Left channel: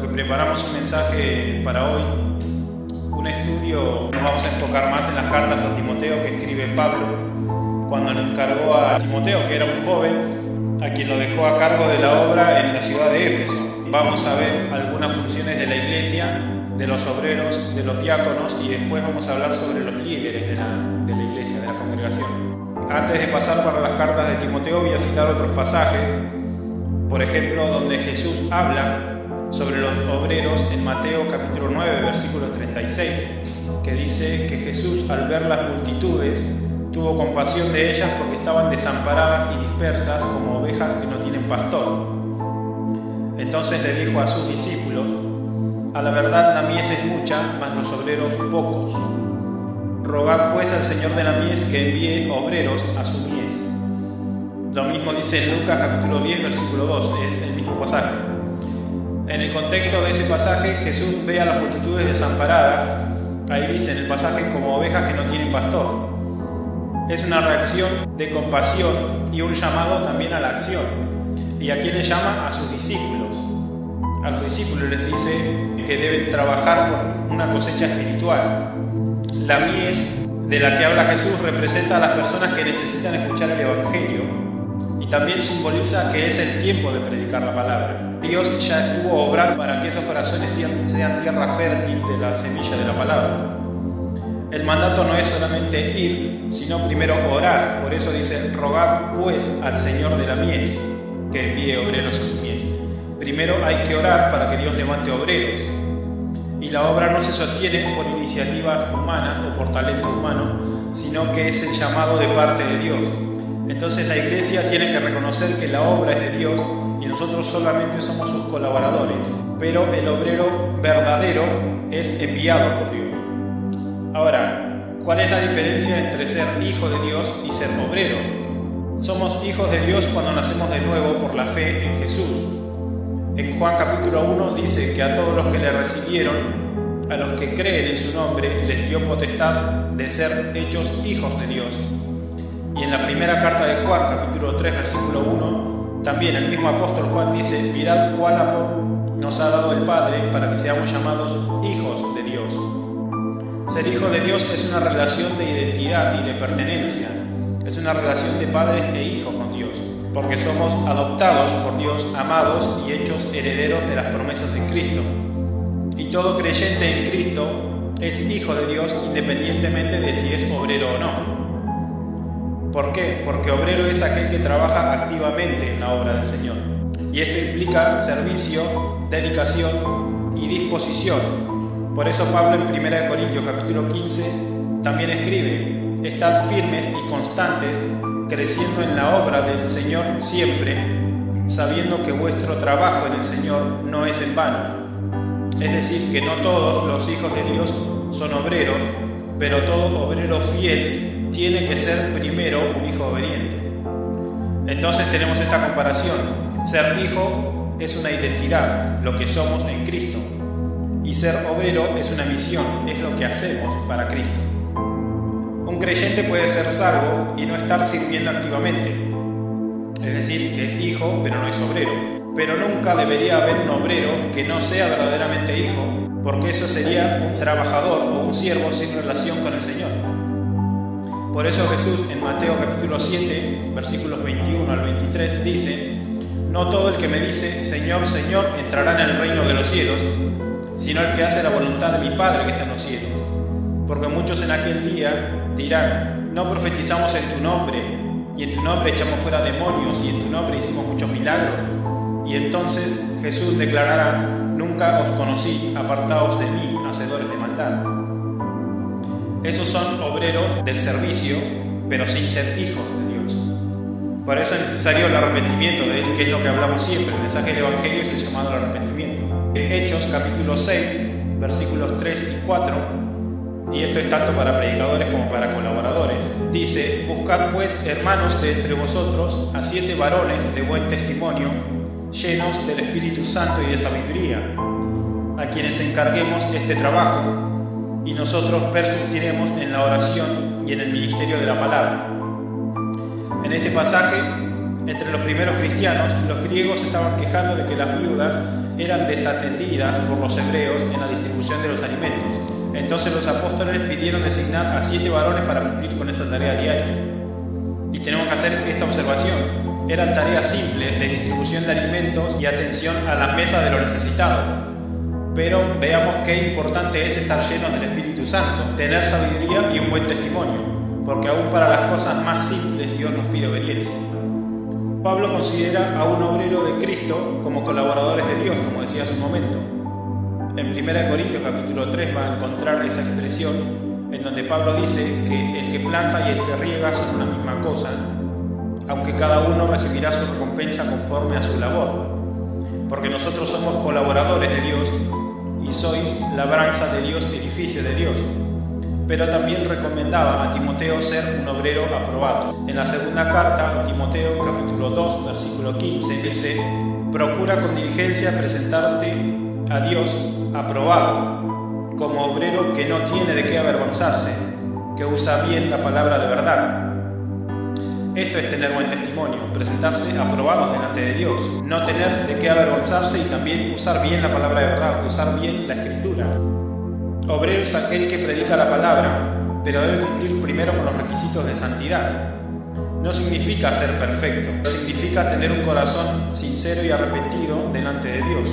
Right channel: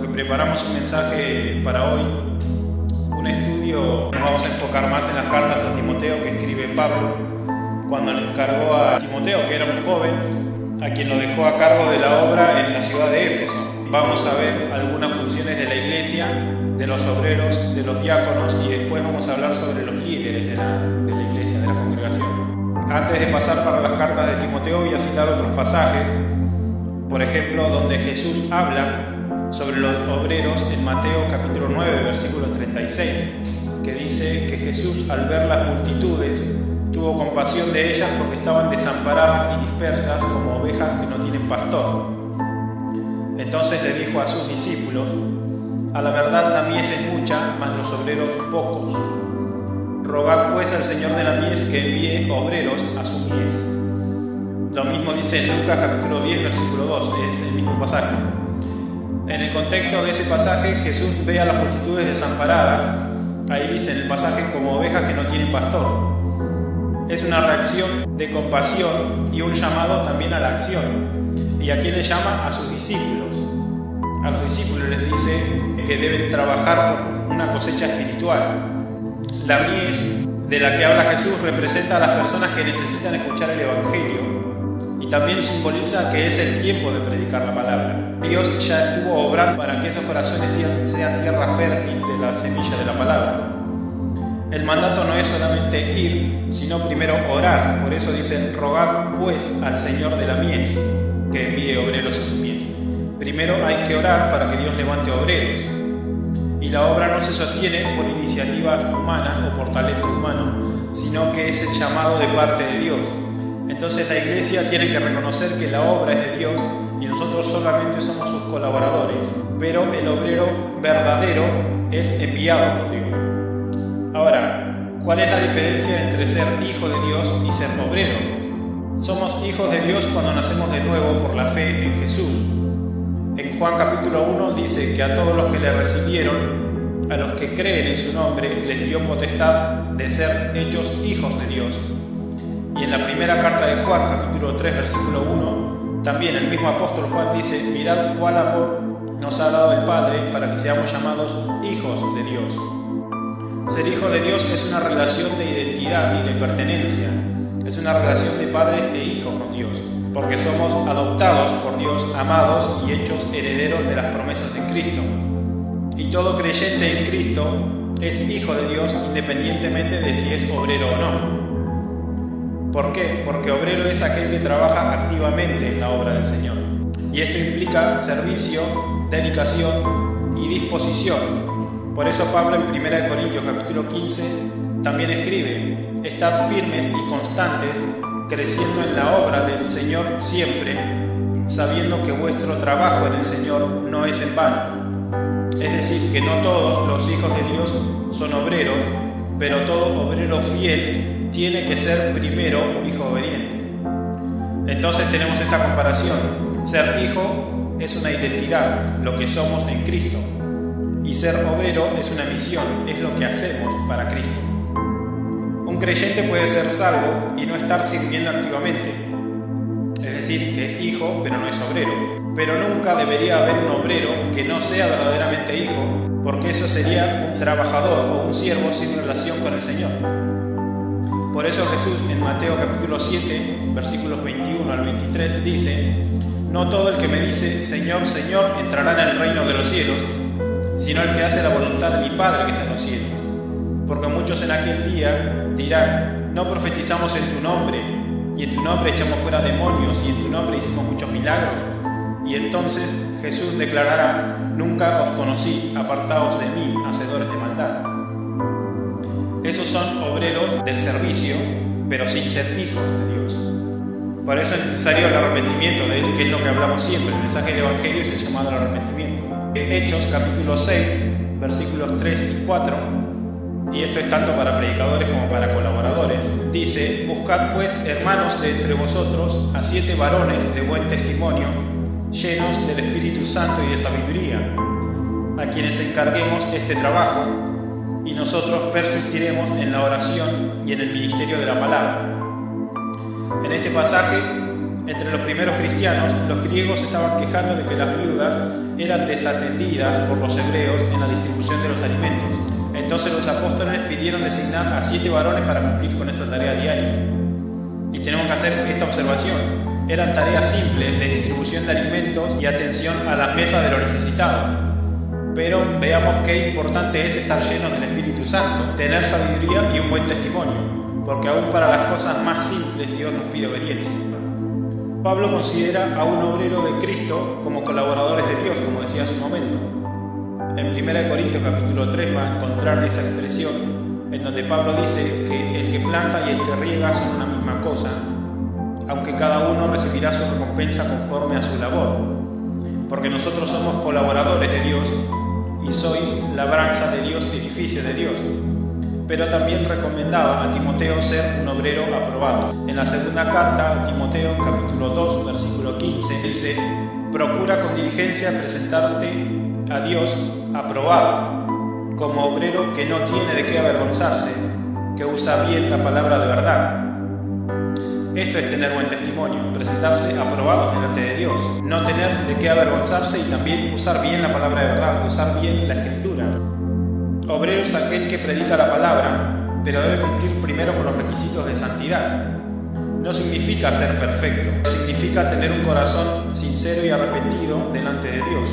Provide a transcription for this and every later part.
Que preparamos un mensaje para hoy, un estudio. Nos vamos a enfocar más en las cartas a Timoteo que escribe Pablo cuando le encargó a Timoteo, que era un joven, a quien lo dejó a cargo de la obra en la ciudad de Éfeso. Vamos a ver algunas funciones de la iglesia, de los obreros, de los diáconos, y después vamos a hablar sobre los líderes de la iglesia, de la congregación. Antes de pasar para las cartas de Timoteo, voy a citar otros pasajes, por ejemplo, donde Jesús habla sobre los obreros en Mateo capítulo 9, versículo 36, que dice que Jesús, al ver las multitudes, tuvo compasión de ellas porque estaban desamparadas y dispersas como ovejas que no tienen pastor. Entonces le dijo a sus discípulos: a la verdad la mies es mucha, mas los obreros pocos. Rogad pues al Señor de la mies que envíe obreros a su mies. Lo mismo dice en Lucas capítulo 10, versículo 2, es el mismo pasaje. En el contexto de ese pasaje, Jesús ve a las multitudes desamparadas, ahí dice en el pasaje, como ovejas que no tienen pastor. Es una reacción de compasión y un llamado también a la acción. ¿Y a quién le llama? A sus discípulos. A los discípulos les dice que deben trabajar por una cosecha espiritual. La mies de la que habla Jesús representa a las personas que necesitan escuchar el Evangelio y también simboliza que es el tiempo de predicar la palabra. Dios ya estuvo obrando para que esos corazones sean tierra fértil de la semilla de la palabra. El mandato no es solamente ir, sino primero orar. Por eso dice: rogad pues al Señor de la mies que envíe obreros a su mies. Primero hay que orar para que Dios levante obreros. Y la obra no se sostiene por iniciativas humanas o por talento humano, sino que es el llamado de parte de Dios. Entonces la iglesia tiene que reconocer que la obra es de Dios y nosotros solamente somos sus colaboradores, pero el obrero verdadero es enviado por Dios. Ahora, ¿cuál es la diferencia entre ser hijo de Dios y ser obrero? Somos hijos de Dios cuando nacemos de nuevo por la fe en Jesús. En Juan capítulo 1 dice que a todos los que le recibieron, a los que creen en su nombre, les dio potestad de ser hechos hijos de Dios. Y en la primera carta de Juan, capítulo 3, versículo 1, también el mismo apóstol Juan dice: mirad cuál amor nos ha dado el Padre para que seamos llamados hijos de Dios. Ser hijo de Dios es una relación de identidad y de pertenencia. Es una relación de padres e hijos con Dios, porque somos adoptados por Dios, amados y hechos herederos de las promesas en Cristo. Y todo creyente en Cristo es hijo de Dios independientemente de si es obrero o no. ¿Por qué? Porque obrero es aquel que trabaja activamente en la obra del Señor. Y esto implica servicio, dedicación y disposición. Por eso Pablo en 1 Corintios capítulo 15 también escribe: estad firmes y constantes, creciendo en la obra del Señor siempre, sabiendo que vuestro trabajo en el Señor no es en vano. Es decir, que no todos los hijos de Dios son obreros, pero todo obrero fiel tiene que ser primero un hijo obediente. Entonces tenemos esta comparación: ser hijo es una identidad, lo que somos en Cristo, y ser obrero es una misión, es lo que hacemos para Cristo. Un creyente puede ser salvo y no estar sirviendo activamente, es decir, que es hijo pero no es obrero. Pero nunca debería haber un obrero que no sea verdaderamente hijo, porque eso sería un trabajador o un siervo sin relación con el Señor. Por eso Jesús en Mateo capítulo 7, versículos 21 al 23 dice: no todo el que me dice Señor, Señor entrará en el reino de los cielos, sino el que hace la voluntad de mi Padre que está en los cielos. Porque muchos en aquel día dirán: no profetizamos en tu nombre, y en tu nombre echamos fuera demonios, y en tu nombre hicimos muchos milagros. Y entonces Jesús declarará: nunca os conocí, apartaos de mí, hacedores de maldad. Esos son obreros del servicio, pero sin ser hijos de Dios. Por eso es necesario el arrepentimiento de él, que es lo que hablamos siempre. El mensaje del Evangelio es el llamado al arrepentimiento. Hechos capítulo 6, versículos 3 y 4, y esto es tanto para predicadores como para colaboradores, dice: buscad pues, hermanos, de entre vosotros a 7 varones de buen testimonio, llenos del Espíritu Santo y de sabiduría, a quienes encarguemos este trabajo, y nosotros persistiremos en la oración y en el ministerio de la palabra. En este pasaje Entre los primeros cristianos, los griegos estaban quejando de que las viudas eran desatendidas por los hebreos en la distribución de los alimentos. Entonces los apóstoles pidieron designar a 7 varones para cumplir con esa tarea diaria. Y tenemos que hacer esta observación. Eran tareas simples de distribución de alimentos y atención a las mesas de los necesitados. Pero veamos qué importante es estar llenos del Espíritu Santo, tener sabiduría y un buen testimonio, porque aún para las cosas más simples Dios nos pide obediencia. Pablo considera a un obrero de Cristo como colaboradores de Dios, como decía hace un momento. En 1 Corintios capítulo 3 va a encontrar esa expresión en donde Pablo dice que el que planta y el que riega son una misma cosa, aunque cada uno recibirá su recompensa conforme a su labor, porque nosotros somos colaboradores de Dios y sois labranza de Dios, edificio de Dios. Pero también recomendaba a Timoteo ser un obrero aprobado. En la segunda carta a Timoteo, capítulo 2, versículo 15, dice: procura con diligencia presentarte a Dios aprobado, como obrero que no tiene de qué avergonzarse, que usa bien la palabra de verdad. Esto es tener buen testimonio, presentarse aprobados delante de Dios, no tener de qué avergonzarse y también usar bien la palabra de verdad, usar bien la Escritura. Obrero es aquel que predica la palabra, pero debe cumplir primero con los requisitos de santidad. No significa ser perfecto, significa tener un corazón sincero y arrepentido delante de Dios.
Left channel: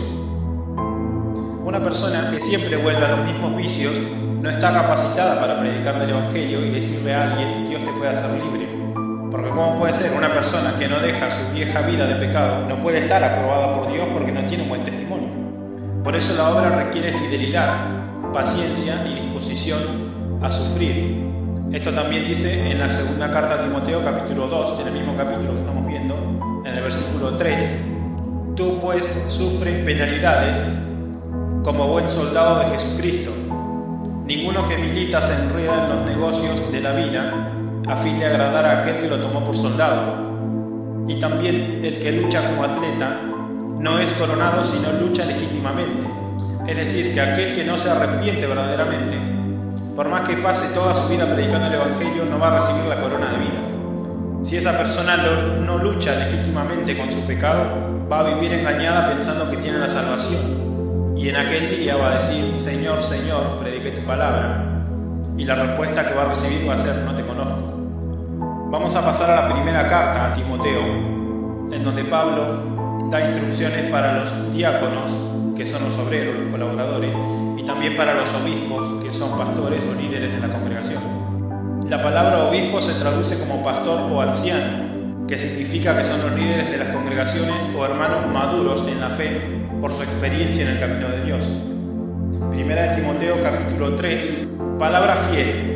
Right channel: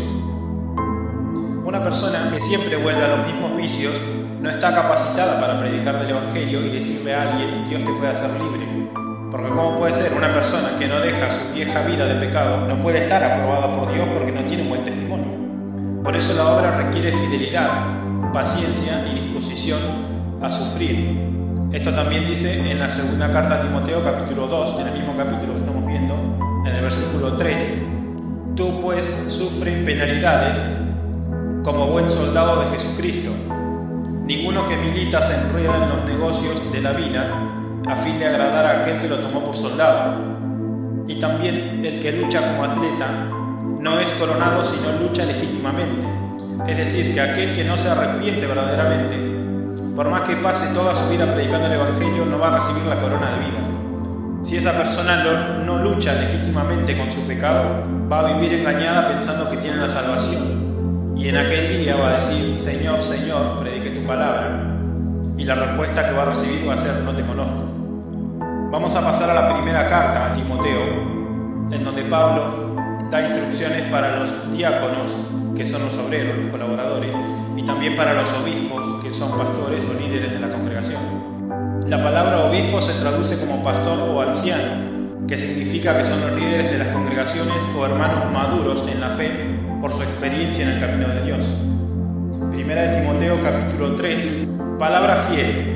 Una persona que siempre vuelve a los mismos vicios no está capacitada para predicar del Evangelio y decirle a alguien: Dios te puede hacer libre. Porque ¿cómo puede ser? Una persona que no deja su vieja vida de pecado no puede estar aprobada por Dios porque no tiene un buen testimonio. Por eso la obra requiere fidelidad, paciencia y disposición a sufrir. Esto también dice en la segunda carta a Timoteo capítulo 2, en el mismo capítulo que estamos viendo, en el versículo 3. Tú pues sufre penalidades como buen soldado de Jesucristo. Ninguno que milita se enreda en los negocios de la vida a fin de agradar a aquel que lo tomó por soldado. Y también el que lucha como atleta no es coronado sino lucha legítimamente. Es decir, que aquel que no se arrepiente verdaderamente, por más que pase toda su vida predicando el Evangelio, no va a recibir la corona de vida. Si esa persona no lucha legítimamente con su pecado, va a vivir engañada pensando que tiene la salvación. Y en aquel día va a decir: Señor, Señor, prediqué tu palabra. Y la respuesta que va a recibir va a ser: no te conozco. Vamos a pasar a la primera carta a Timoteo, en donde Pablo da instrucciones para los diáconos, que son los obreros, los colaboradores, y también para los obispos, que son pastores o líderes de la congregación. La palabra obispo se traduce como pastor o anciano, que significa que son los líderes de las congregaciones o hermanos maduros en la fe por su experiencia en el camino de Dios. Primera de Timoteo capítulo 3, palabra fiel.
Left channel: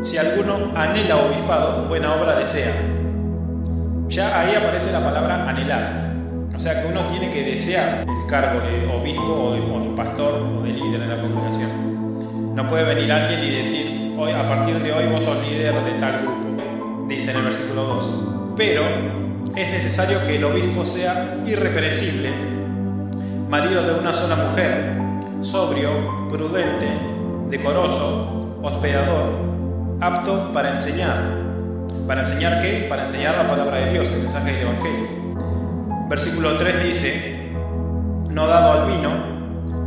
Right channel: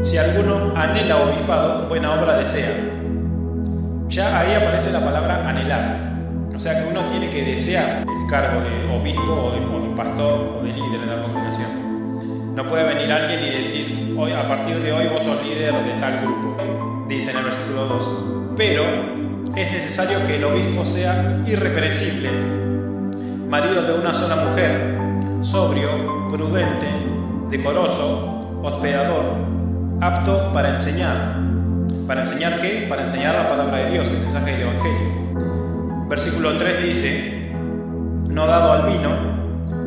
Si alguno anhela obispado, buena obra desea. Ya ahí aparece la palabra anhelar. O sea que uno tiene que desear el cargo de obispo o de pastor o de líder en la congregación. No puede venir alguien y decir: hoy, a partir de hoy vos sos líder de tal grupo, dice en el versículo 2. Pero es necesario que el obispo sea irreprensible, marido de una sola mujer, sobrio, prudente, decoroso, hospedador, apto para enseñar. ¿Para enseñar qué? Para enseñar la palabra de Dios, el mensaje del Evangelio. Versículo 3 dice: no dado al vino,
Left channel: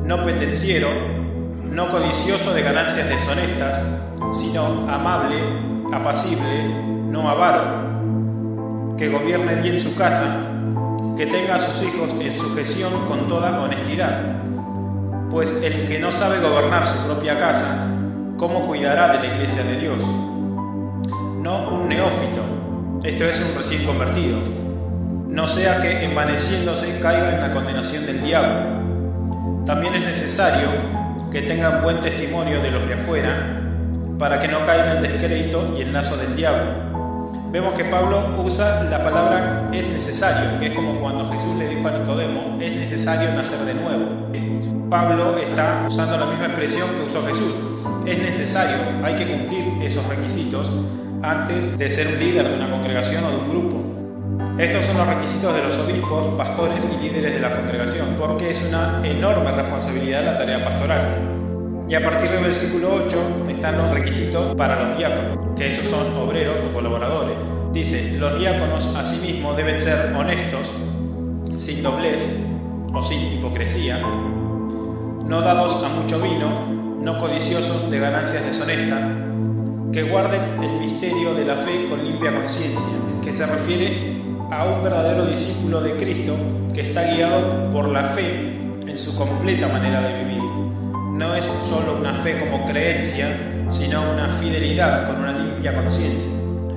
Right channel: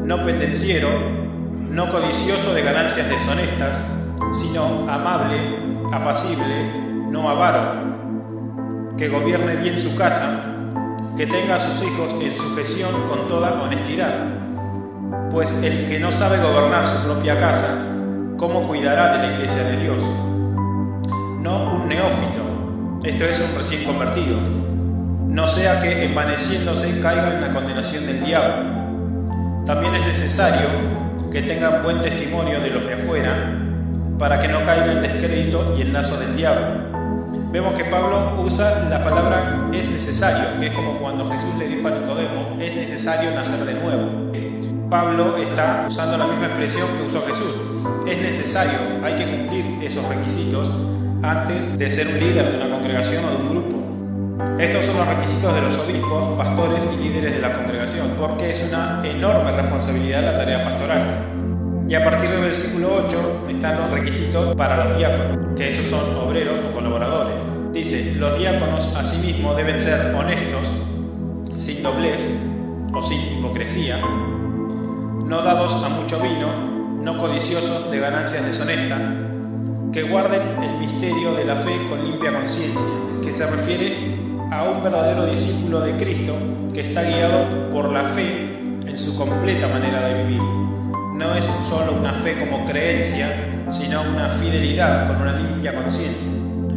no pendenciero, no codicioso de ganancias deshonestas, sino amable, apacible, no avaro, que gobierne bien su casa, que tenga a sus hijos en sujeción con toda honestidad. Pues el que no sabe gobernar su propia casa, ¿cómo cuidará de la iglesia de Dios? No un neófito, esto es un recién convertido, no sea que envaneciéndose caiga en la condenación del diablo. También es necesario que tengan buen testimonio de los de afuera, para que no caiga en descrédito y en lazo del diablo. Vemos que Pablo usa la palabra es necesario, que es como cuando Jesús le dijo a Nicodemo: es necesario nacer de nuevo. Pablo está usando la misma expresión que usó Jesús. Es necesario, hay que cumplir esos requisitos antes de ser un líder de una congregación o de un grupo. Estos son los requisitos de los obispos, pastores y líderes de la congregación, porque es una enorme responsabilidad la tarea pastoral. Y a partir del versículo 8 están los requisitos para los diáconos, que esos son obreros o colaboradores. Dice, los diáconos asimismo deben ser honestos, sin doblez o sin hipocresía, no dados a mucho vino, no codiciosos de ganancias deshonestas, que guarden el misterio de la fe con limpia conciencia, que se refiere a un verdadero discípulo de Cristo que está guiado por la fe en su completa manera de vivir. No es solo una fe como creencia, sino una fidelidad con una limpia conciencia.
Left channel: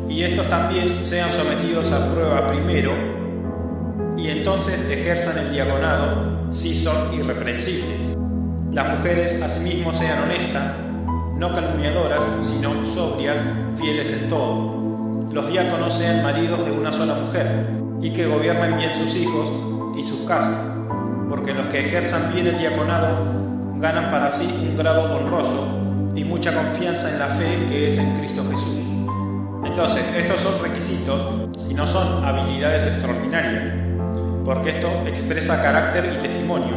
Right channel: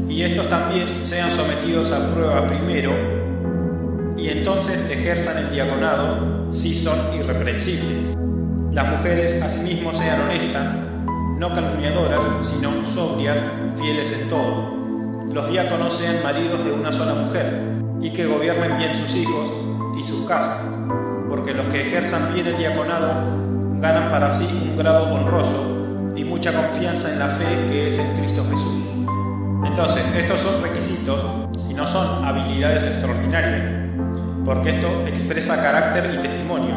Y estos también sean sometidos a prueba primero y entonces ejerzan el diaconado si son irreprensibles. Las mujeres asimismo sean honestas, no calumniadoras, sino sobrias, fieles en todo. Los diáconos sean maridos de una sola mujer y que gobiernen bien sus hijos y sus casas, porque los que ejerzan bien el diaconado ganan para sí un grado honroso y mucha confianza en la fe que es en Cristo Jesús. Entonces, estos son requisitos y no son habilidades extraordinarias, porque esto expresa carácter y testimonio,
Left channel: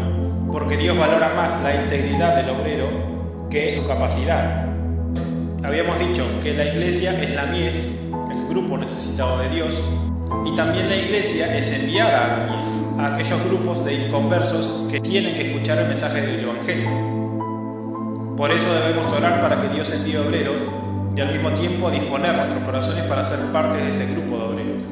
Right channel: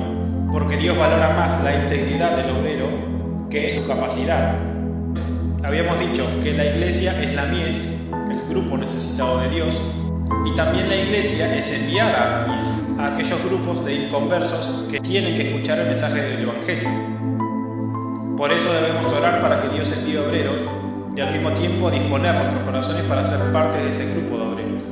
porque Dios valora más la integridad del obrero que su capacidad. Habíamos dicho que la iglesia es la mies, el grupo necesitado de Dios, y también la iglesia es enviada a la mies, a aquellos grupos de inconversos que tienen que escuchar el mensaje del Evangelio. Por eso debemos orar para que Dios envíe obreros y al mismo tiempo disponer nuestros corazones para ser parte de ese grupo de obreros.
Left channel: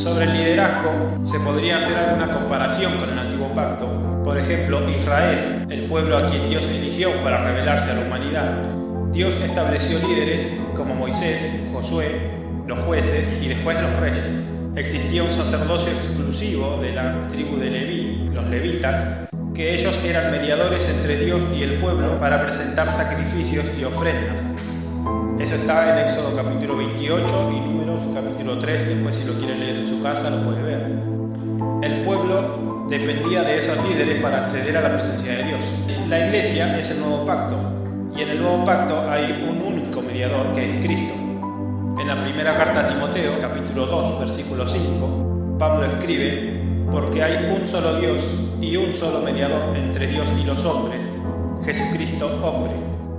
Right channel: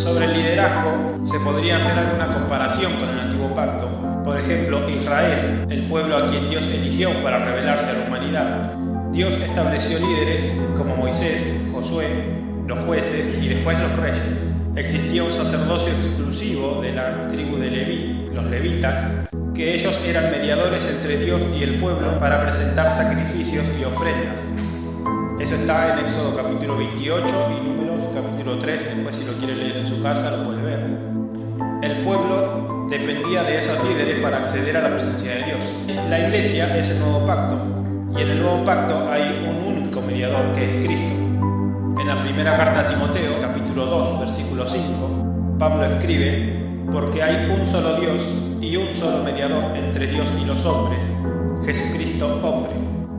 Sobre el liderazgo se podría hacer alguna comparación con el Antiguo Pacto. Por ejemplo, Israel, el pueblo a quien Dios eligió para revelarse a la humanidad. Dios estableció líderes como Moisés, Josué, los jueces y después los reyes. Existía un sacerdocio exclusivo de la tribu de Leví, los levitas, que ellos eran mediadores entre Dios y el pueblo para presentar sacrificios y ofrendas. Eso está en Éxodo capítulo 28 y Números capítulo 3, después si lo quiere leer en su casa lo puede ver. El pueblo dependía de esos líderes para acceder a la presencia de Dios. La iglesia es el nuevo pacto, y en el nuevo pacto hay un único mediador que es Cristo. En la primera carta a Timoteo, capítulo 2, versículo 5, Pablo escribe, porque hay un solo Dios y un solo mediador entre Dios y los hombres, Jesucristo hombre.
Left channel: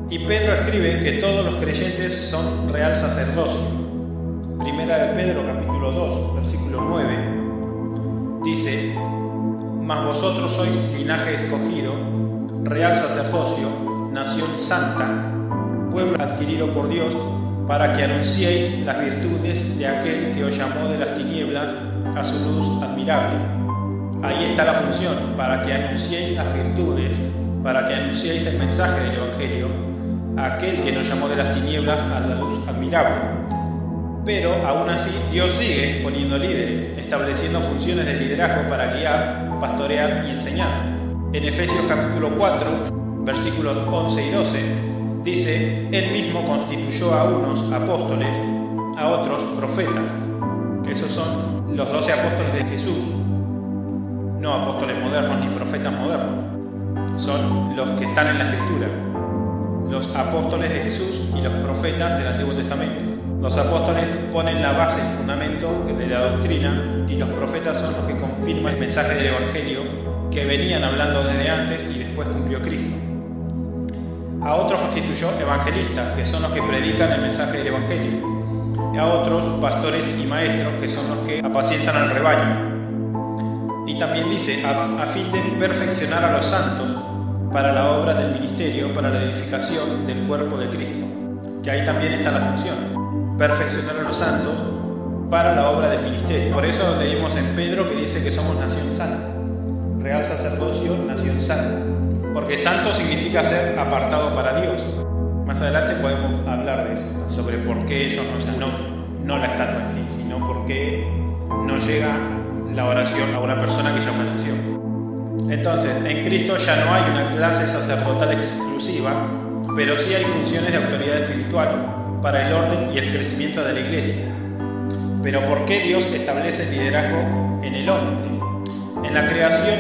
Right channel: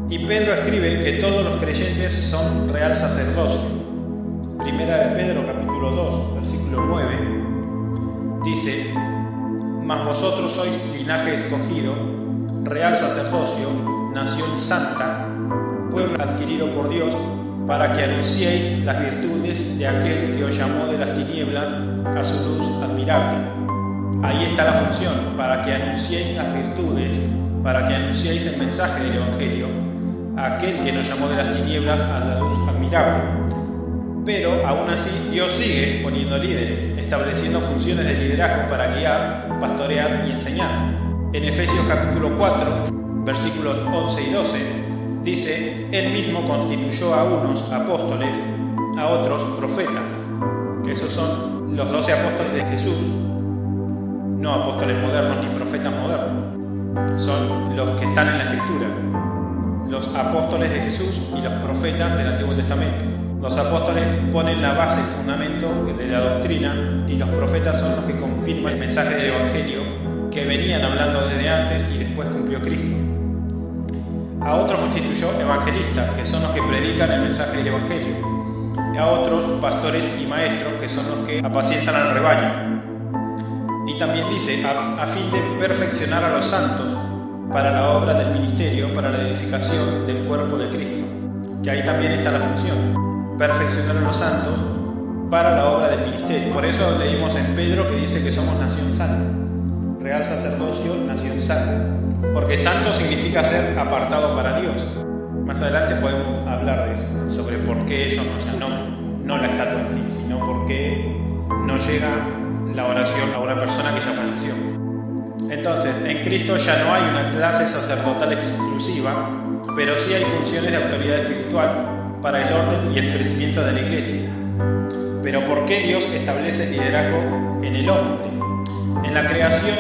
Y Pedro escribe que todos los creyentes son real sacerdocio. Primera de Pedro, capítulo 2, versículo 9, dice, mas vosotros sois linaje escogido, real sacerdocio, nación santa, pueblo adquirido por Dios, para que anunciéis las virtudes de aquel que os llamó de las tinieblas a su luz admirable. Ahí está la función, para que anunciéis las virtudes, para que anunciéis el mensaje del Evangelio, a aquel que nos llamó de las tinieblas a la luz admirable. Pero aún así Dios sigue poniendo líderes, estableciendo funciones de liderazgo para guiar, pastorear y enseñar. En Efesios capítulo 4, versículos 11 y 12, dice, Él mismo constituyó a unos apóstoles, a otros profetas, que esos son los 12 apóstoles de Jesús, no apóstoles modernos ni profetas modernos, son los que están en la Escritura, los apóstoles de Jesús y los profetas del Antiguo Testamento. Los apóstoles ponen la base, el fundamento de la doctrina, y los profetas son los que confirman el mensaje del Evangelio que venían hablando desde antes y después cumplió Cristo. A otros constituyó evangelistas, que son los que predican el mensaje del Evangelio. A otros pastores y maestros, que son los que apacientan al rebaño. Y también dice, a fin de perfeccionar a los santos para la obra del ministerio, para la edificación del cuerpo de Cristo. Que ahí también está la función, perfeccionar a los santos para la obra del ministerio. Por eso leímos en Pedro que dice que somos nación santa, real sacerdocio, nación santa. Porque santo significa ser apartado para Dios. Más adelante podemos hablar de eso, sobre por qué ellos no la estatua en sí, sino por qué no llega la oración a una persona que ya falleció. Entonces, en Cristo ya no hay una clase sacerdotal exclusiva, pero sí hay funciones de autoridad espiritual para el orden y el crecimiento de la iglesia. Pero ¿por qué Dios establece el liderazgo en el hombre? En la creación,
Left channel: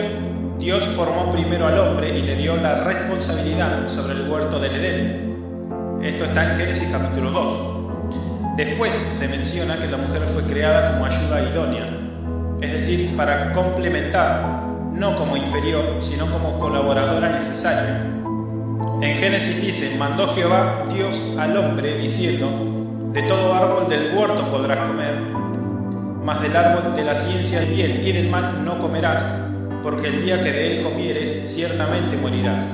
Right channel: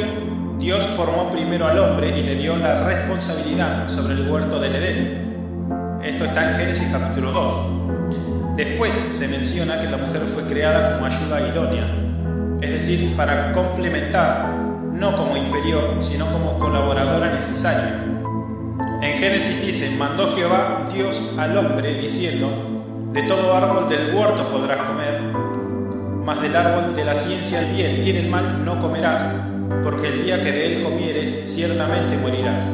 Dios formó primero al hombre y le dio la responsabilidad sobre el huerto del Edén. Esto está en Génesis capítulo 2. Después se menciona que la mujer fue creada como ayuda idónea, es decir, para complementar, no como inferior, sino como colaboradora necesaria. En Génesis dice, mandó Jehová Dios al hombre diciendo, De todo árbol del huerto podrás comer, mas del árbol de la ciencia del bien y del mal no comerás, porque el día que de él comieres, ciertamente morirás.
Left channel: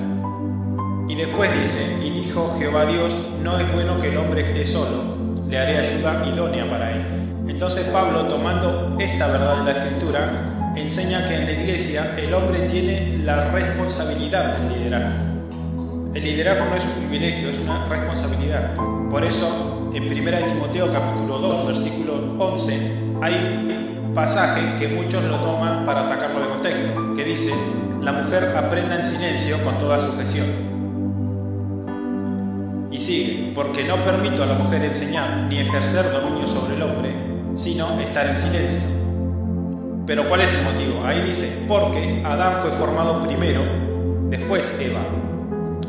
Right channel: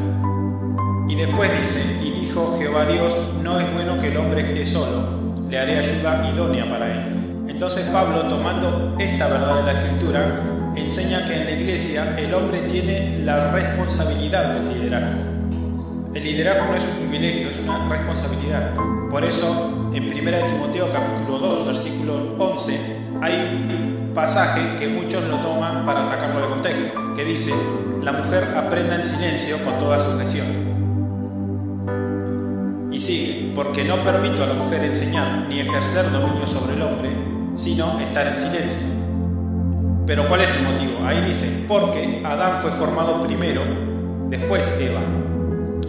Y después dice, y dijo Jehová Dios, no es bueno que el hombre esté solo, le haré ayuda idónea para él. Entonces Pablo, tomando esta verdad de la Escritura, enseña que en la iglesia el hombre tiene la responsabilidad del liderazgo. El liderazgo no es un privilegio, es una responsabilidad. Por eso, en 1 Timoteo capítulo 2, versículo 11, hay un pasaje que muchos lo toman para sacarlo de contexto, que dice, la mujer aprenda en silencio con toda sujeción. Y sigue, porque no permito a la mujer enseñar ni ejercer dominio sobre el hombre, sino estar en silencio. Pero ¿cuál es el motivo? Ahí dice, porque Adán fue formado primero, después Eva.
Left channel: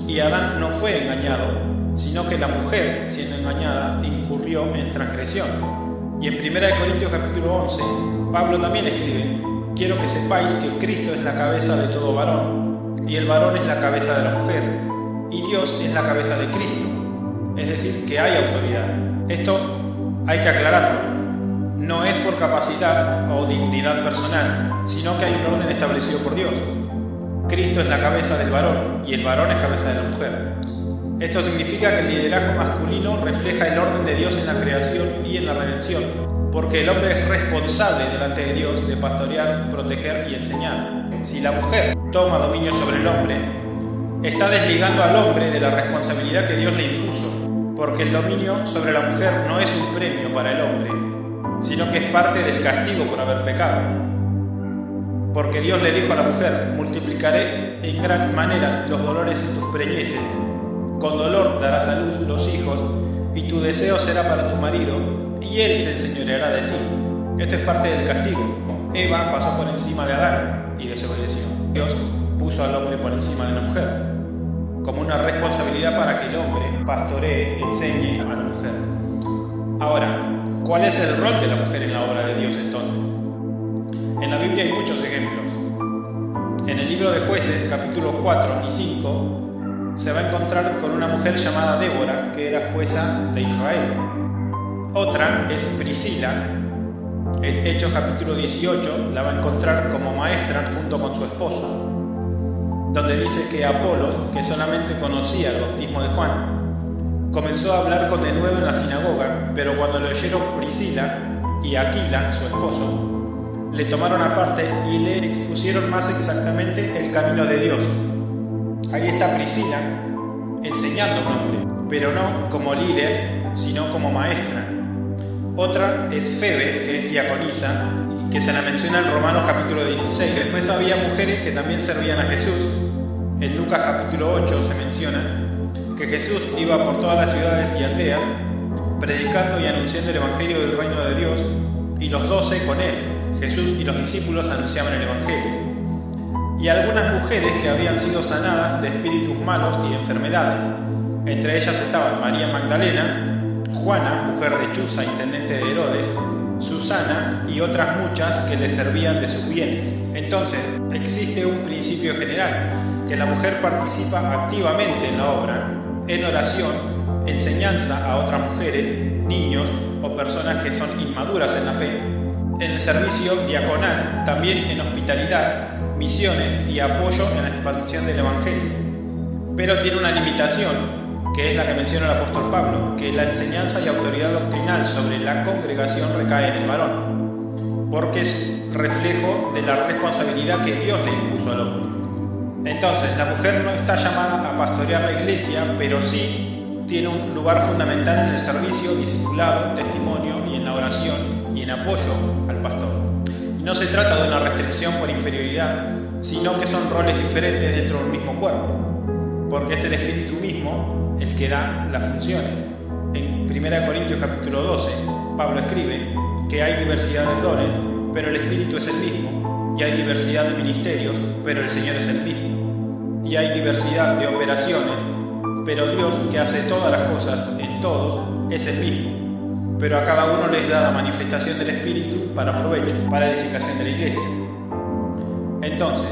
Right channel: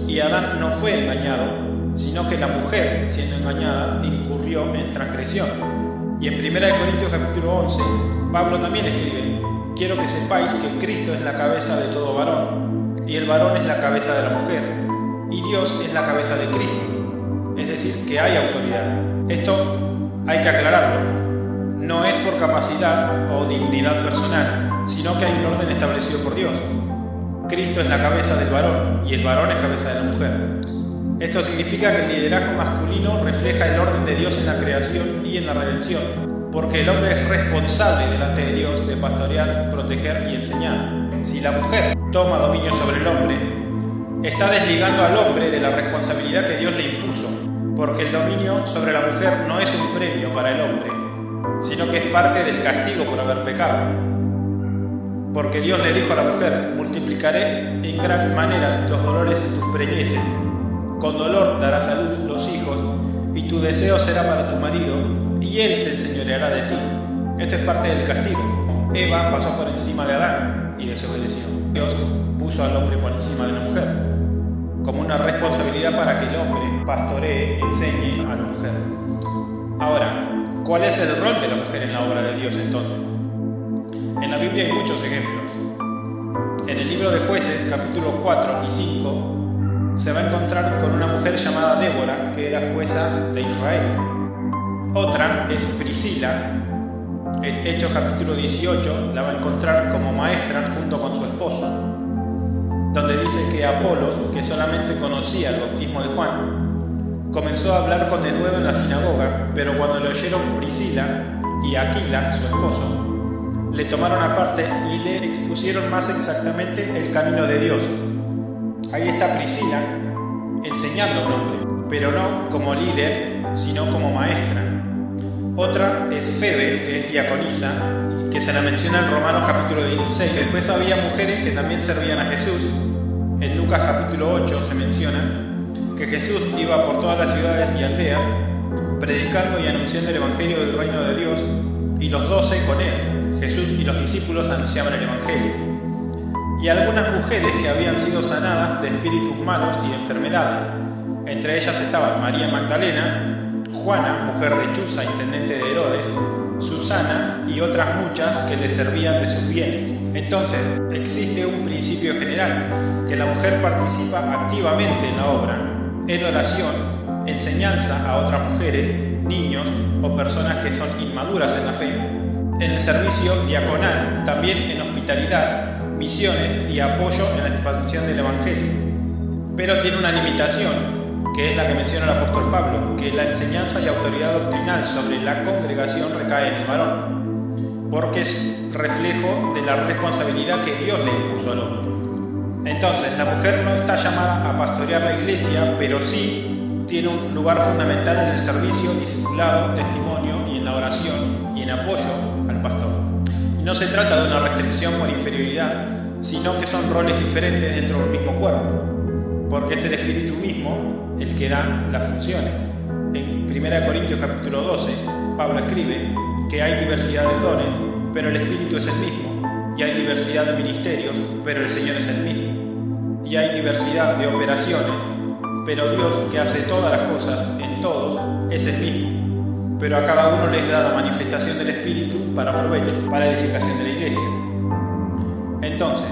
Y Adán no fue engañado, sino que la mujer, siendo engañada, incurrió en transgresión. Y en 1 Corintios capítulo 11, Pablo también escribe, quiero que sepáis que Cristo es la cabeza de todo varón, y el varón es la cabeza de la mujer, y Dios es la cabeza de Cristo. Es decir, que hay autoridad. Esto hay que aclararlo. No es por capacidad o dignidad personal, sino que hay un orden establecido por Dios. Cristo es la cabeza del varón y el varón es cabeza de la mujer. Esto significa que el liderazgo masculino refleja el orden de Dios en la creación y en la redención, porque el hombre es responsable delante de Dios de pastorear, proteger y enseñar. Si la mujer toma dominio sobre el hombre, está desligando al hombre de la responsabilidad que Dios le impuso, porque el dominio sobre la mujer no es un premio para el hombre, sino que es parte del castigo por haber pecado. Porque Dios le dijo a la mujer, multiplicaré en gran manera los dolores en tus preñeces, con dolor darás a luz los hijos, y tu deseo será para tu marido, y él se enseñoreará de ti. Esto es parte del castigo. Eva pasó por encima de Adán y desobedeció. Dios puso al hombre por encima de la mujer, como una responsabilidad para que el hombre pastoree, enseñe a la mujer. Ahora, ¿cuál es el rol de la mujer en la obra de Dios entonces? En la Biblia hay muchos ejemplos. En el libro de Jueces, capítulos 4 y 5, se va a encontrar con una mujer llamada Débora, que era jueza de Israel. Otra es Priscila. En Hechos capítulo 18 la va a encontrar como maestra junto con su esposo, donde dice que Apolos, que solamente conocía el bautismo de Juan, comenzó a hablar con denuedo en la sinagoga, pero cuando lo oyeron Priscila y Aquila, su esposo, le tomaron aparte y le expusieron más exactamente el camino de Dios. Ahí está Priscila enseñando a un hombre, pero no como líder, sino como maestra. Otra es Febe, que es diaconisa, que se la menciona en Romanos capítulo 16. Después había mujeres que también servían a Jesús. En Lucas capítulo 8 se menciona que Jesús iba por todas las ciudades y aldeas predicando y anunciando el evangelio del reino de Dios, y los 12 con él. Jesús y los discípulos anunciaban el evangelio. Y algunas mujeres que habían sido sanadas de espíritus malos y de enfermedades. Entre ellas estaban María Magdalena, Juana, mujer de Chuza, intendente de Herodes, Susana y otras muchas que le servían de sus bienes. Entonces, existe un principio general, que la mujer participa activamente en la obra, en oración, enseñanza a otras mujeres, niños o personas que son inmaduras en la fe, en el servicio diaconal, también en hospitalidad, misiones y apoyo en la expansión del evangelio. Pero tiene una limitación, que es la que menciona el apóstol Pablo, que la enseñanza y autoridad doctrinal sobre la congregación recae en el varón, porque es reflejo de la responsabilidad que Dios le impuso al hombre. Entonces, la mujer no está llamada a pastorear la iglesia, pero sí tiene un lugar fundamental en el servicio, discipulado, testimonio y en la oración y en apoyo al pastor. Y no se trata de una restricción por inferioridad, sino que son roles diferentes dentro del mismo cuerpo, porque es el Espíritu mismo el que da las funciones. En 1 Corintios capítulo 12, Pablo escribe que hay diversidad de dones, pero el Espíritu es el mismo, y hay diversidad de ministerios, pero el Señor es el mismo, y hay diversidad de operaciones, pero Dios, que hace todas las cosas en todos, es el mismo, pero a cada uno les da la manifestación del Espíritu para provecho, para edificación de la iglesia. Entonces,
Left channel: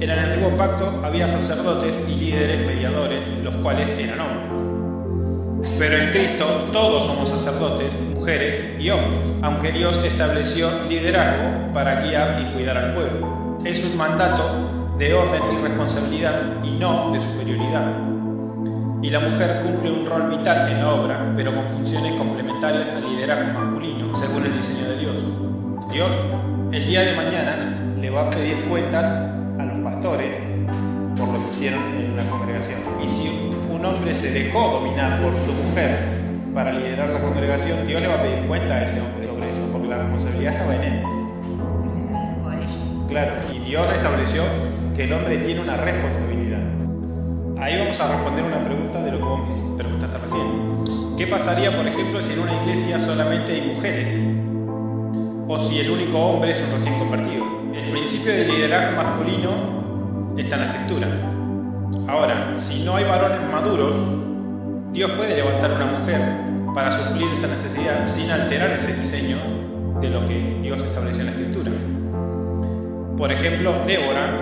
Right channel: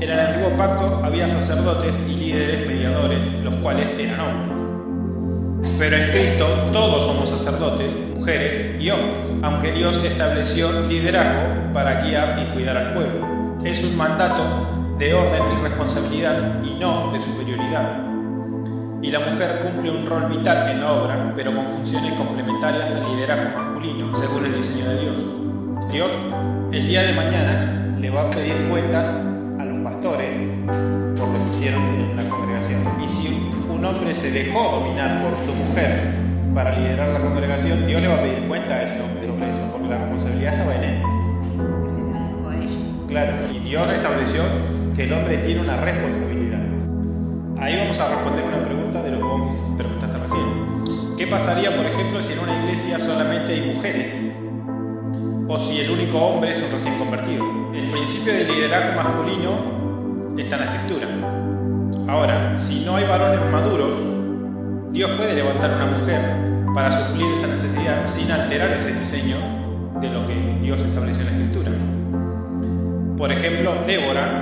en el antiguo pacto había sacerdotes y líderes mediadores, los cuales eran hombres. Pero en Cristo todos somos sacerdotes, mujeres y hombres, aunque Dios estableció liderazgo para guiar y cuidar al pueblo. Es un mandato de orden y responsabilidad y no de superioridad. Y la mujer cumple un rol vital en la obra, pero con funciones complementarias al liderazgo masculino, según el diseño de Dios. Dios, el día de mañana, le va a pedir cuentas a los pastores por lo que hicieron en la congregación. Y si un hombre se dejó dominar por su mujer para liderar la congregación, Dios le va a pedir cuenta a ese hombre sobre eso, porque la responsabilidad estaba en él. Que se la dejó a ella. Claro, y Dios estableció que el hombre tiene una responsabilidad. Ahí vamos a responder una pregunta de lo que vos me preguntaste recién. ¿Qué pasaría, por ejemplo, si en una iglesia solamente hay mujeres? O si el único hombre es un recién convertido. El principio de liderazgo masculino está en la Escritura. Ahora, si no hay varones maduros, Dios puede levantar una mujer para suplir esa necesidad sin alterar ese diseño de lo que Dios estableció en la Escritura. Por ejemplo, Débora,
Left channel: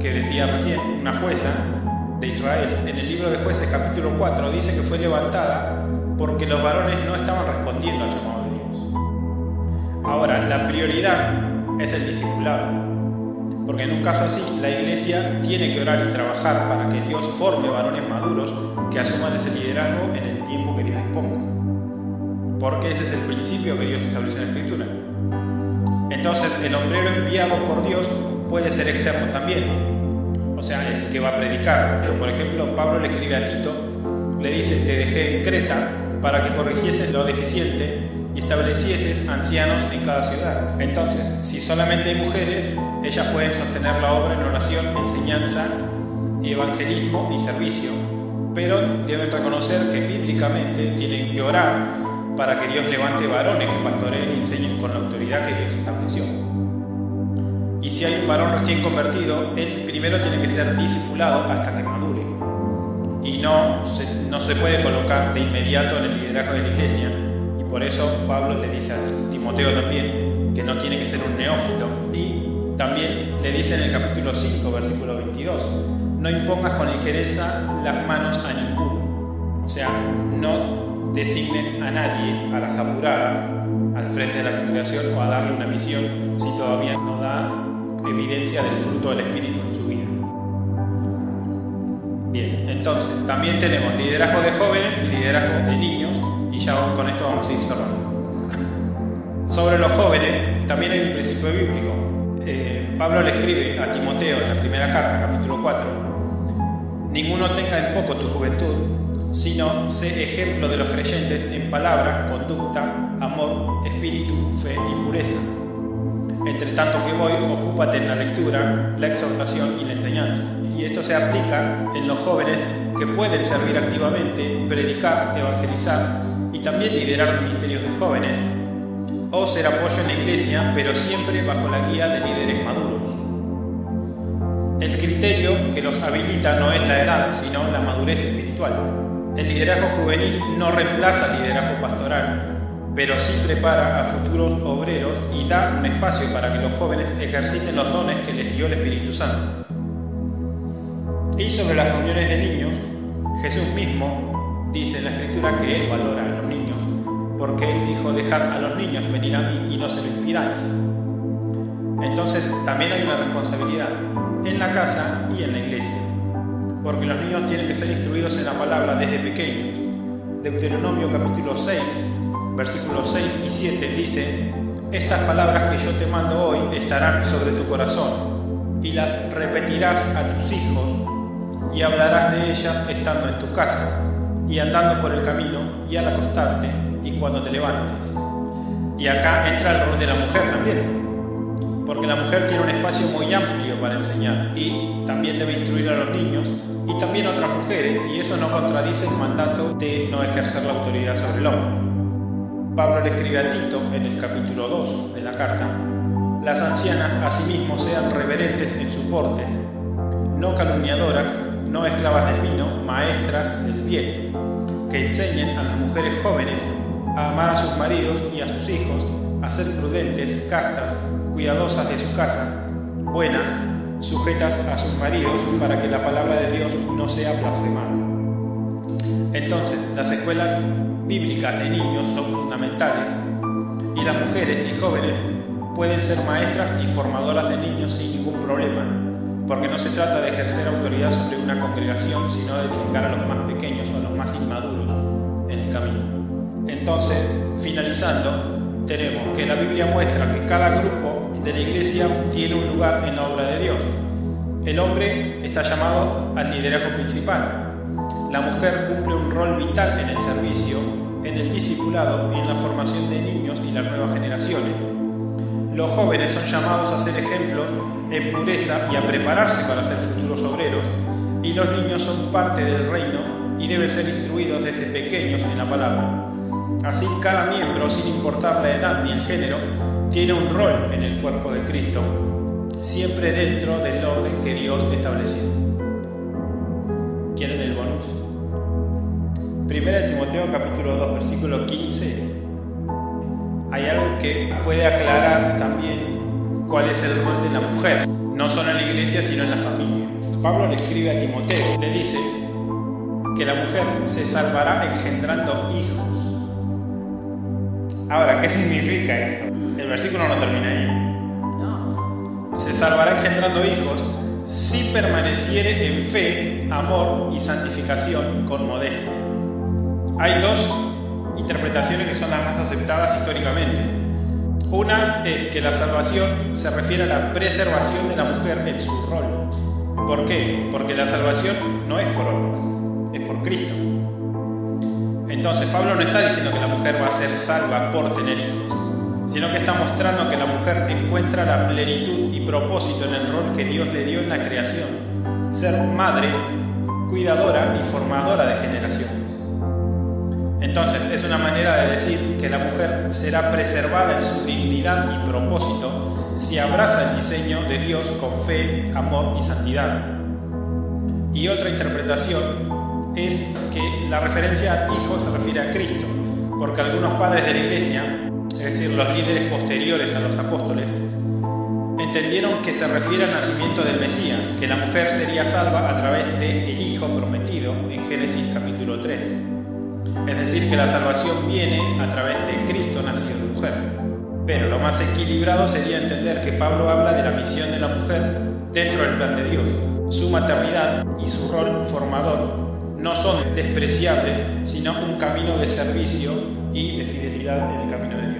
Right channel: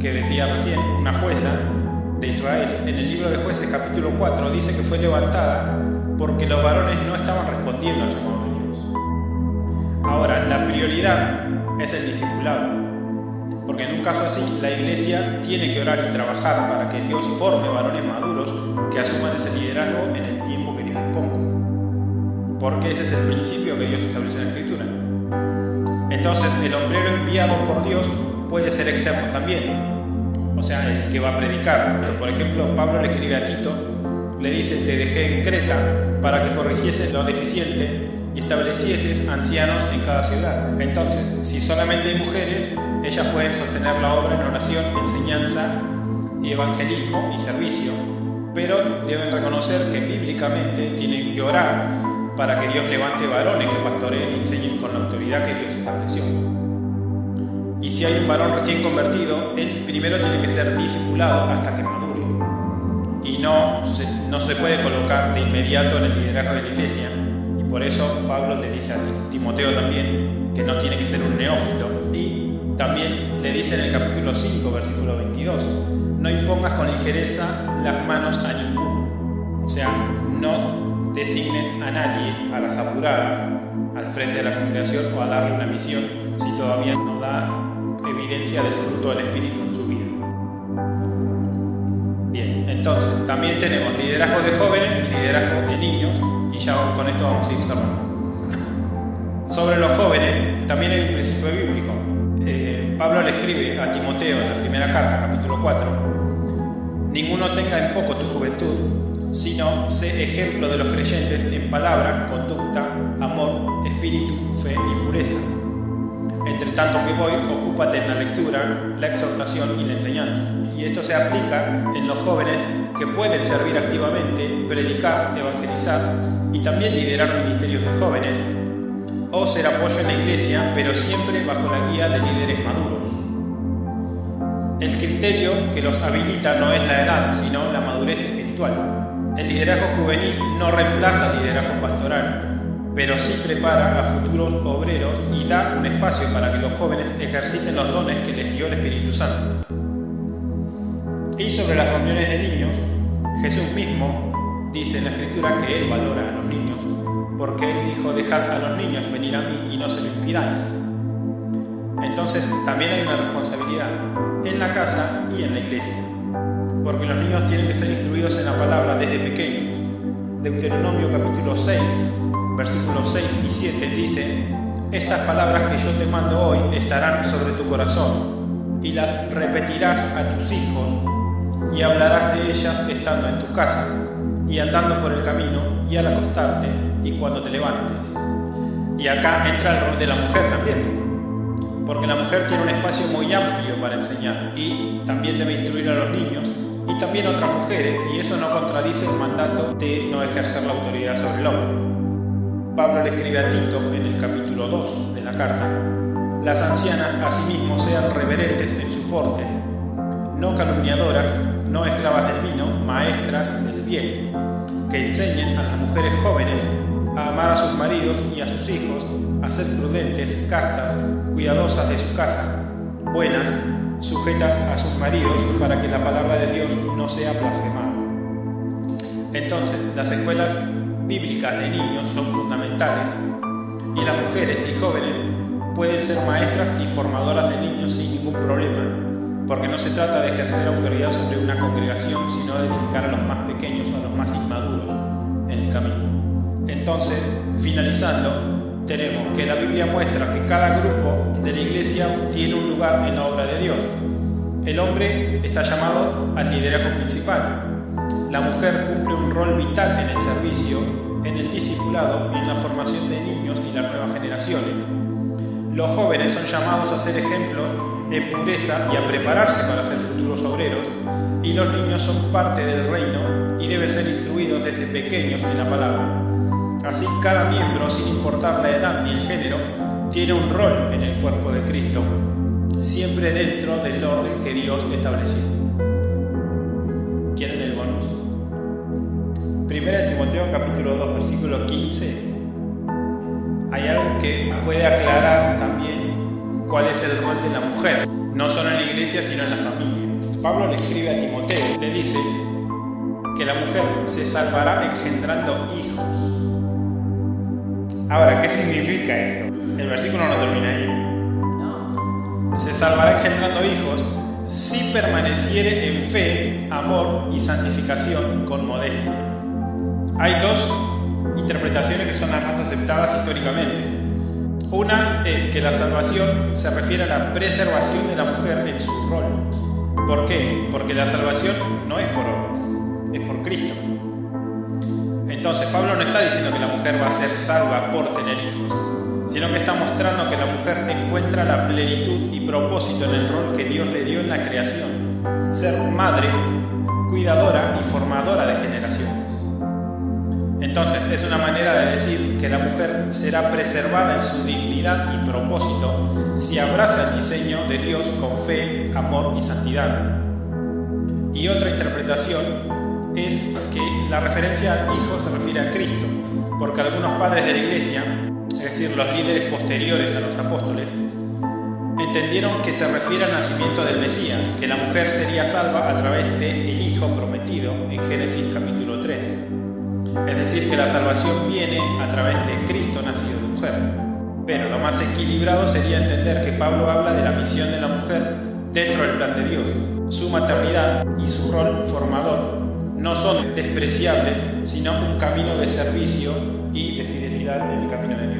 que decía recién, una jueza de Israel, en el libro de Jueces capítulo 4 dice que fue levantada porque los varones no estaban respondiendo al llamado de Dios. Ahora, la prioridad es el discipulado, porque en un caso así la iglesia tiene que orar y trabajar para que Dios forme varones maduros que asuman ese liderazgo en el tiempo que Dios disponga, porque ese es el principio que Dios estableció en la Escritura. Entonces el hombrero enviado por Dios puede ser externo también, o sea, el que va a predicar. Por ejemplo, Pablo le escribe a Tito, le dice: te dejé en Creta para que corrigieses lo deficiente y establecieses ancianos en cada ciudad. Entonces, si solamente hay mujeres, ellas pueden sostener la obra en oración, enseñanza, evangelismo y servicio, pero deben reconocer que bíblicamente tienen que orar para que Dios levante varones que pastoreen y enseñen con la autoridad que Dios estableció. Y si hay un varón recién convertido, él primero tiene que ser discipulado hasta que madure. Y no se puede colocar de inmediato en el liderazgo de la iglesia. Y por eso Pablo le dice a Timoteo también que no tiene que ser un neófito. Y también le dice en el capítulo 5, versículo 22, no impongas con ligereza las manos a ninguno. O sea, no designes a nadie a las apuradas al frente de la congregación o a darle una misión si todavía no da evidencia del fruto del Espíritu en su vida. Bien, entonces también tenemos liderazgo de jóvenes y liderazgo de niños, y ya con esto vamos a ir cerrando. Sobre los jóvenes también hay un principio bíblico. Pablo le escribe a Timoteo en la primera carta, capítulo 4: ninguno tenga en poco tu juventud, sino sé ejemplo de los creyentes en palabra, conducta, amor, espíritu, fe y pureza. Entre tanto que voy, ocúpate en la lectura, la exhortación y la enseñanza. Y esto se aplica en los jóvenes que pueden servir activamente, predicar, evangelizar y también liderar ministerios de jóvenes, o ser apoyo en la iglesia, pero siempre bajo la guía de líderes maduros. El criterio que los habilita no es la edad, sino la madurez espiritual. El liderazgo juvenil no reemplaza el liderazgo pastoral, pero sí prepara a futuros obreros y da un espacio para que los jóvenes ejerciten los dones que les dio el Espíritu Santo. Y sobre las reuniones de niños, Jesús mismo dice en la Escritura que Él valora a los niños, porque Él dijo: dejad a los niños venir a mí y no se lo impidáis. Entonces también hay una responsabilidad en la casa y en la iglesia, porque los niños tienen que ser instruidos en la palabra desde pequeños. Deuteronomio capítulo 6, versículos 6 y 7 dice: estas palabras que yo te mando hoy estarán sobre tu corazón, y las repetirás a tus hijos, y hablarás de ellas estando en tu casa, y andando por el camino, y al acostarte, y cuando te levantes. Y acá entra el rol de la mujer también, porque la mujer tiene un espacio muy amplio para enseñar, y también debe instruir a los niños, y también a otras mujeres, y eso no contradice el mandato de no ejercer la autoridad sobre el hombre. Pablo le escribe a Tito en el capítulo 2 de la carta: las ancianas asimismo sean reverentes en su porte, no calumniadoras, no esclavas del vino, maestras del bien, que enseñen a las mujeres jóvenes a amar a sus maridos y a sus hijos, a ser prudentes, castas, cuidadosas de su casa, buenas, sujetas a sus maridos, para que la palabra de Dios no sea blasfemada. Entonces, las escuelas bíblicas de niños son fundamentales y las mujeres y jóvenes pueden ser maestras y formadoras de niños sin ningún problema, porque no se trata de ejercer autoridad sobre una congregación, sino de edificar a los más pequeños o a los más inmaduros en el camino. Entonces, finalizando, tenemos que la Biblia muestra que cada grupo de la iglesia tiene un lugar en la obra de Dios. El hombre está llamado al liderazgo principal. La mujer cumple un rol vital en el servicio, en el discipulado y en la formación de niños y las nuevas generaciones. Los jóvenes son llamados a ser ejemplos en pureza y a prepararse para ser futuros obreros, y los niños son parte del reino y deben ser instruidos desde pequeños en la palabra. Así, cada miembro, sin importar la edad ni el género, tiene un rol en el cuerpo de Cristo, siempre dentro del orden que Dios estableció. ¿Quieren el bonus? 1 Timoteo capítulo 2 versículo 15. Hay algo que puede aclarar también cuál es el rol de la mujer, no solo en la iglesia sino en la familia. Pablo le escribe a Timoteo, le dice que la mujer se salvará engendrando hijos. Ahora, ¿qué significa esto? El versículo no termina ahí. No. Se salvará engendrando hijos si permaneciere en fe, amor y santificación con modestia. Hay dos interpretaciones que son las más aceptadas históricamente. Una es que la salvación se refiere a la preservación de la mujer en su rol. ¿Por qué? Porque la salvación no es por obras, es por Cristo. Entonces, Pablo no está diciendo que la mujer va a ser salva por tener hijos, sino que está mostrando que la mujer encuentra la plenitud y propósito en el rol que Dios le dio en la creación: ser madre, cuidadora y formadora de generaciones. Entonces, es una manera de decir que la mujer será preservada en su dignidad y propósito si abraza el diseño de Dios con fe, amor y santidad. Y otra interpretación es que la referencia al hijo se refiere a Cristo, porque algunos padres de la iglesia, es decir, los líderes posteriores a los apóstoles, entendieron que se refiere al nacimiento del Mesías, que la mujer sería salva a través del Hijo prometido en Génesis capítulo 3. Es decir, que la salvación viene a través de Cristo nacido de mujer. Pero lo más equilibrado sería entender que Pablo habla de la misión de la mujer dentro del plan de Dios. Su maternidad y su rol formador no son despreciables, sino un camino de servicio y de fidelidad en el camino de Dios.